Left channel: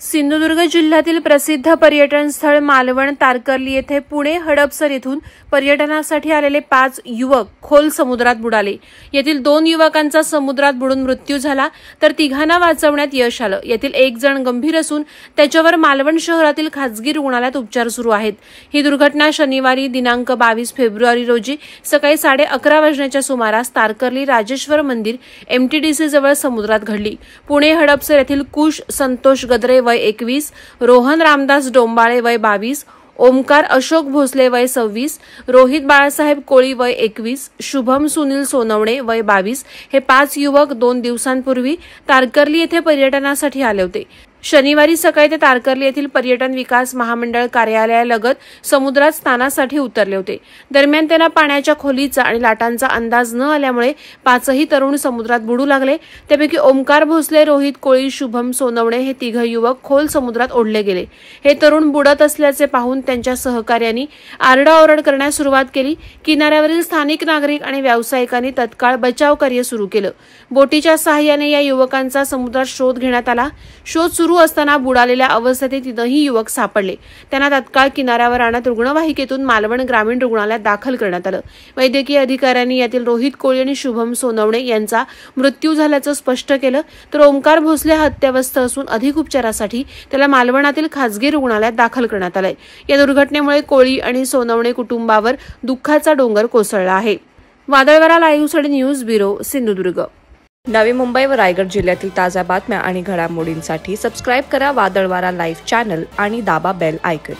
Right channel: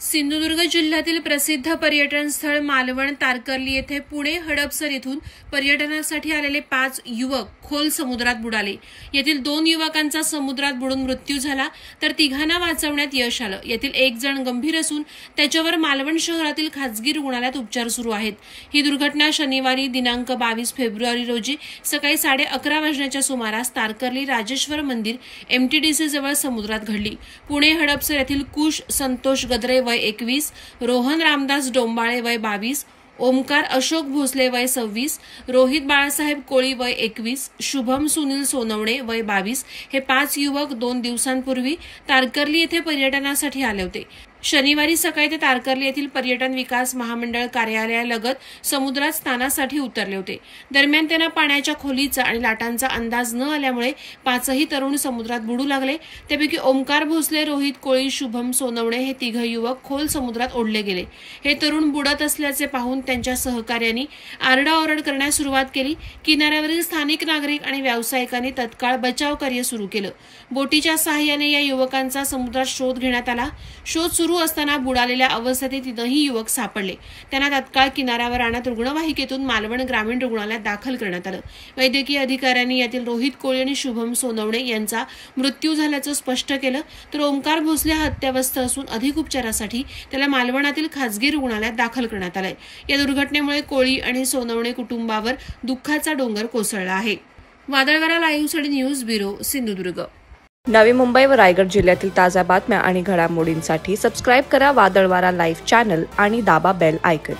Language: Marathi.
सिंधुदुर्ग जिल्ह्यातील प्रसिद्ध पर्यटन स्थळ मालवण तारकर्ली येथे पुणे हडपसर येथून पर्यटनासाठी आलेले 5 युवक खोल समुद्रात बुडाले। येथील 2 युवकांचा समुद्रात बुडून मृत्यू झाला तर तिघांना वाचवण्यात यश आलं। येथील एक जण गंभीर असून त्याच्यावर मालवण शहरातील खासगी रुग्णालयात उपचार सुरू आहेत। ही दुर्घटना शनिवारी दिनांक 22 फेब्रुवारी रोजी सकाळी 11:30 वाजण्याच्या सुमारास तारकर्ली राजेश्वर मंदिर एमटीडीसी जवळ समुद्रात घडली। पुणे हडपसर येथील कुश संतोष गद्रे वय 21, रोहन रामदास डोंबाळे वय 22, ओमकार अशोक भोसले वय 26, रोहित बाळासाहेब कोळी वय 21, शुभम सुनील सोनवणे वय 22 हे 5 युवक 2 दिवसांपूर्वी तारकर्ली येथे पर्यटनासाठी आले होते। शनिवारी सकाळी ते तारकर्ली येथील पर्यटन विकास महामंडळ कार्यालयालगत समुद्रात स्नानासाठी उतरले होते। दरम्यान त्यांना पाण्याच्या खोलीचा आणि लाटांचा अंदाज न आल्यामुळे 5ही तरुण समुद्रात बुडू लागले। त्यापैकी ओमकार भोसले, रोहित कोळी, शुभम सोनवणे हे 3 युवक खोल समुद्रात ओढले गेले। हे तरुण बुडत असल्याचे पाहून त्यांच्या सहकार्यांनी आरडाओरड करण्यास सुरुवात केली। किनाऱ्यावरील स्थानिक नागरिक आणि व्यावसायिकांनी तत्काळ बचाव कार्य सुरू केलं। बोटीच्या सहाय्याने या युवकांचा समुद्रात शोध घेण्यात आला। शोध सुरू असताना बुडालेल्या अवस्थेत 3ही युवक सापडले। त्यांना तत्काळ किनाऱ्यावर आणत रुग्णवाहिकेतून मालवण ग्रामीण रुग्णालयात दाखल करण्यात आलं। वैद्यकीय अधिकाऱ्यांनी यातील रोहित कोळी आणि शुभम सोनवणे यांचा मृत्यू झाल्याचं स्पष्ट केलं, तर ओमकार भोसले हत्यावस्थ असून अधिक उपचारासाठी त्याला मालवणातील खासगी रुग्णालयात दाखल करण्यात आलंय। या दुर्घटनेमुळे कोळी आणि सोनवणे कुटुंबावर दुःखाचा डोंगर कोसळला आहे। वादळवारा लाईव्हसाठी न्यूज ब्युरो, सिंधुदुर्ग। नवी मुंबई व रायगड जिल्ह्यातील ताज्या बातम्या आणि घडामोडींसाठी सबस्क्राईब करा वादळवारा लाईव्ह चॅनल आणि दाबा बेल आयकॉन।